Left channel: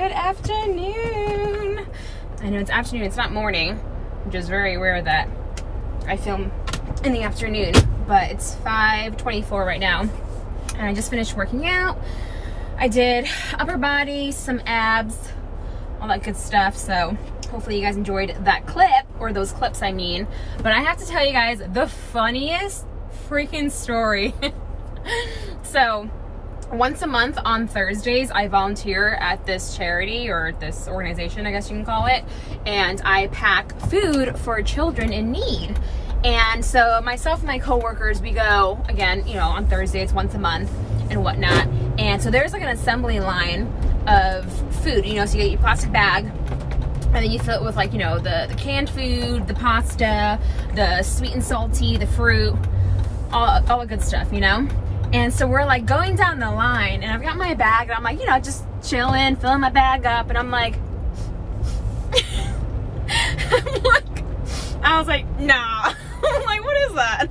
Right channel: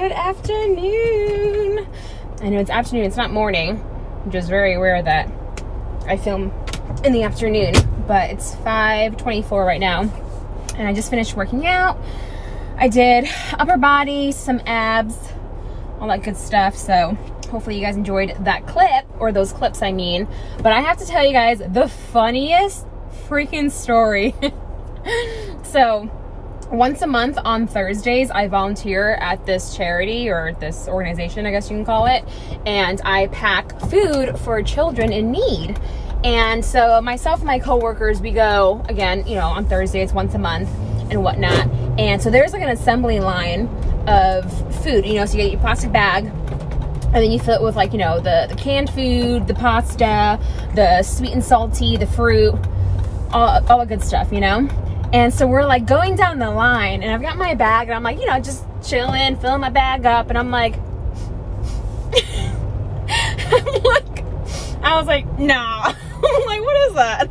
good afternoon. I know it's afternoon, it's not morning, which is very rare that I film in the afternoon, but it's 5:24 right now, and I just finished working out. I did upper body, some abs, all that good stuff, so hopefully you guys enjoyed that clip, or those clips I mean. But I have to tell you guys the funniest freaking story. So once a month on Thursdays, I volunteer at this charity, or this organization, I guess you can call it, and I pack food for children in need. And so myself and my coworkers, we go, again, you know, on Thursdays, once a month and whatnot. And so there's like an assembly line of food, you know, so you get your plastic bag, and then you fill it with, like, you know, the canned food, the pasta, the sweet and salty, the fruit, all the good stuff, you know? And so we're like going down the line, and I've got my bag, and I'm like, you know, just chilling, filling my bag up, and I'm like, I was like, nah. I'm like, what is that?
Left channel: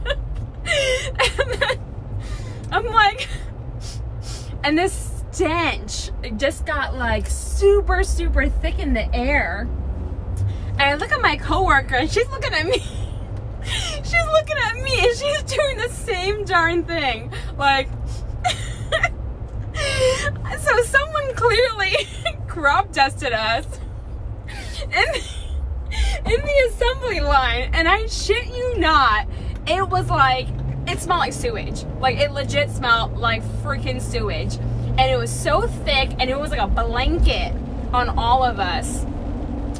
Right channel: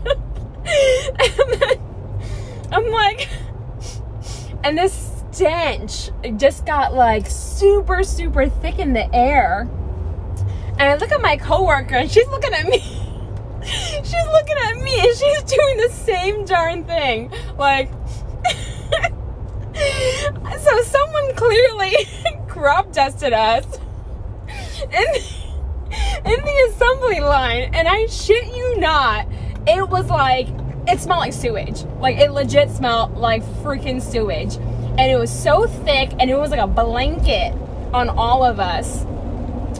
And then I'm like, and this stench just got like super thick in the air. And I look at my coworker, and she's looking at me. She's looking at me, and she's doing the same darn thing. Like, so someone clearly crop dusted us in the assembly line, and I shit you not, it was like, it smelled like sewage. Like, it legit smelled like freaking sewage. And it was so thick, and it was like a blanket on all of us,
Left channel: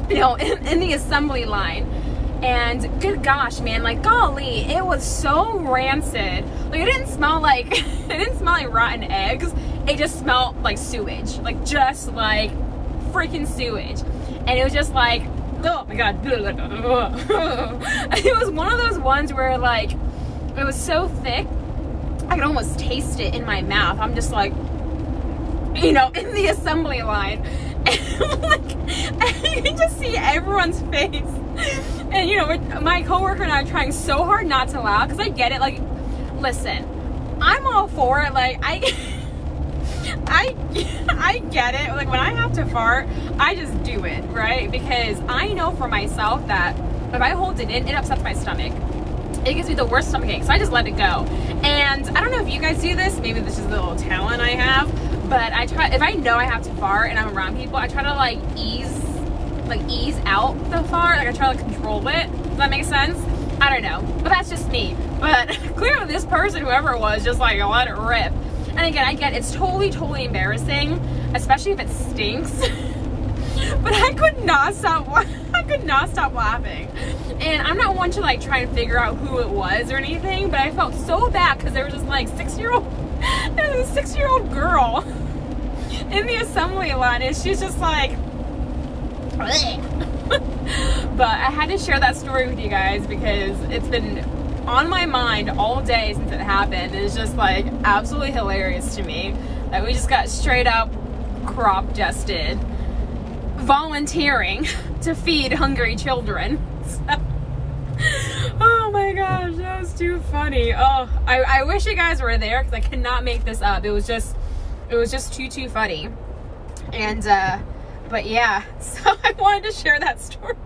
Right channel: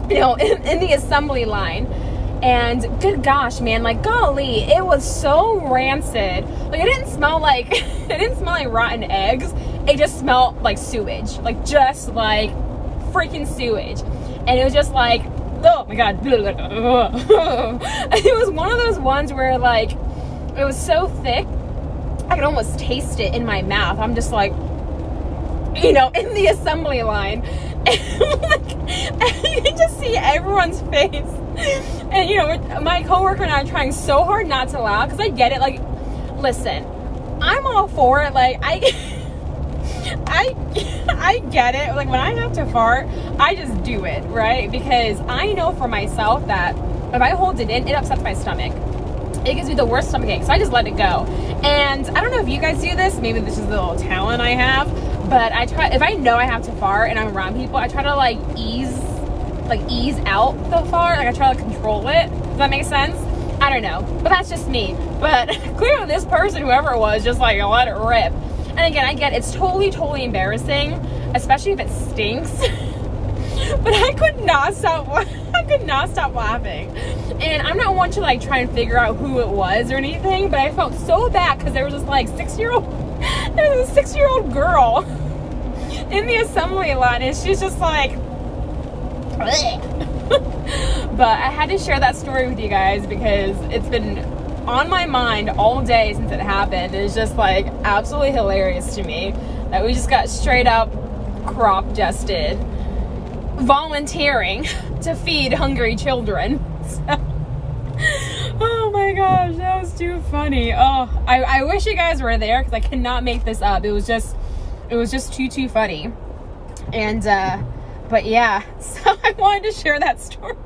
you know, in the assembly line. And good gosh, man, like, golly, it was so rancid. Like, it didn't smell like, it didn't smell like rotten eggs. It just smelled like sewage, like, just like freaking sewage. And it was just like, oh my God. It was one of those ones where, like, it was so thick, I could almost taste it in my mouth. I'm just like, you know, in the assembly line. And, like, and you just see everyone's face. And, you know, my coworker and I are trying so hard not to laugh, because I get it. Like, listen, I'm all for it. Like, I get it. Like, when I have to fart, I just do it, right? Because I know for myself that if I hold it in, it upsets my stomach. It gives me the worst stomach ache, so I just let it go. And I don't know if you guys do this. Maybe this is a little talent I have, but I try, if I know I have to fart and I'm around people, I try to like ease out the fart. Like, I try to control it. Does that make sense? I don't know, but that's just me. But clearly this person, whoever it was, just like let it rip. And again, I get it's totally embarrassing, especially if it stinks. But I could not stop laughing. And I'm not one to like try and figure out who it was or anything, but I felt so bad because there was this like there was a 6-year-old girl in the assembly line, and she's just like, but I had to share that story with you guys because it's been on my mind all day since it happened. It's just like absolutely hilarious to me that we just got straight up crop dusted volunteering to feed hungry children. So, oh my gosh, that was too funny. Oh, I wish you guys were there, because I cannot make this up. It was just too funny. And but yeah, so I wanted to share that story.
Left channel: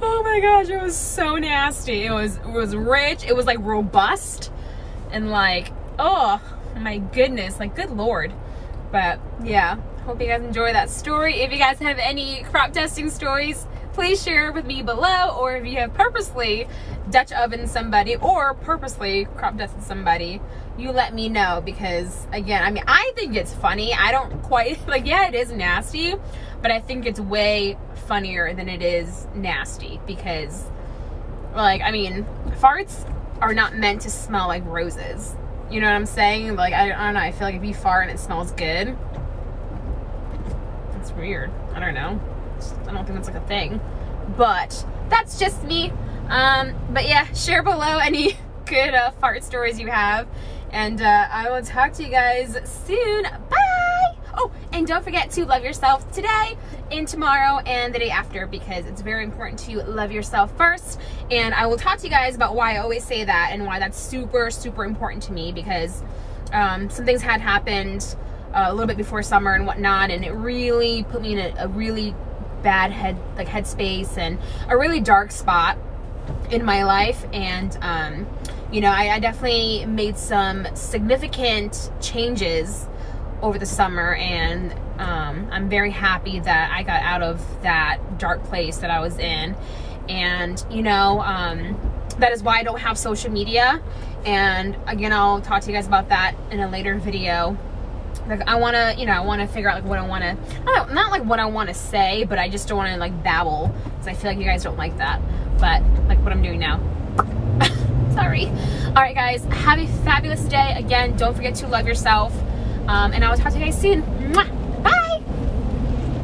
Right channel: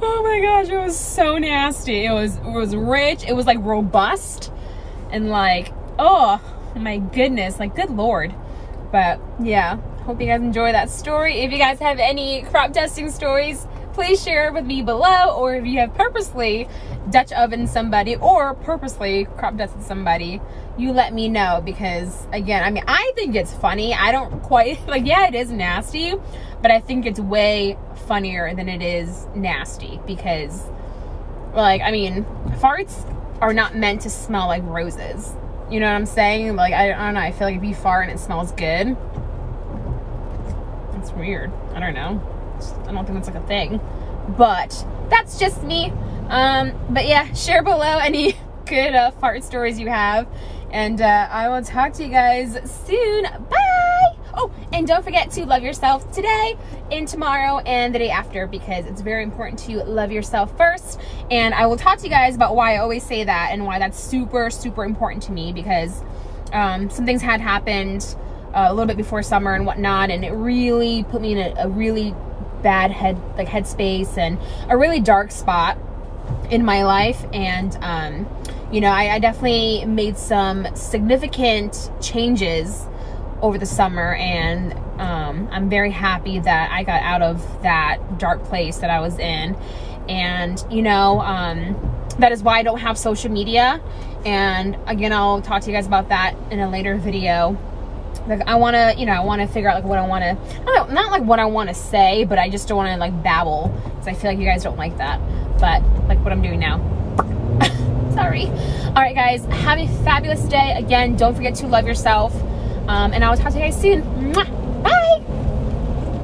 Oh my gosh, it was so nasty. It was rich, it was like robust, and like, oh my goodness, like, good Lord. But yeah, hope you guys enjoy that story. If you guys have any crop dusting stories, please share it with me below. Or if you have purposely Dutch ovened somebody or purposely crop dusted somebody, you let me know. Because again, I mean, I think it's funny. I don't quite, like, yeah, it is nasty, but I think it's way funnier than it is nasty. Because, like, I mean, farts are not meant to smell like roses. You know what I'm saying? Like, I don't know, I feel like if you fart and it smells good, it's weird. I don't know. I don't think that's like a thing. But that's just me. But yeah, share below any good fart stories you have. And I will talk to you guys soon. Bye! Oh, and don't forget to love yourself today and tomorrow and the day after, because it's very important to love yourself first. And I will talk to you guys about why I always say that and why that's super important to me, because some things had happened a little bit before summer and whatnot, and it really put me in a really bad headspace and a really dark spot in my life. And you know, I definitely made some significant changes over the summer, and I'm very happy that I got out of that dark place that I was in. And you know, that is why I don't have social media, and again, I'll talk to you guys about that in a later video. Like, I want to, you know, I want to figure out like what I want to, not like what I want to say, but I just don't want to like babble, because I feel like you guys don't like that, but like what I'm doing now. Sorry. All right, guys, have a fabulous day. Again, don't forget to love yourself, and I will talk to you guys soon. Mwah!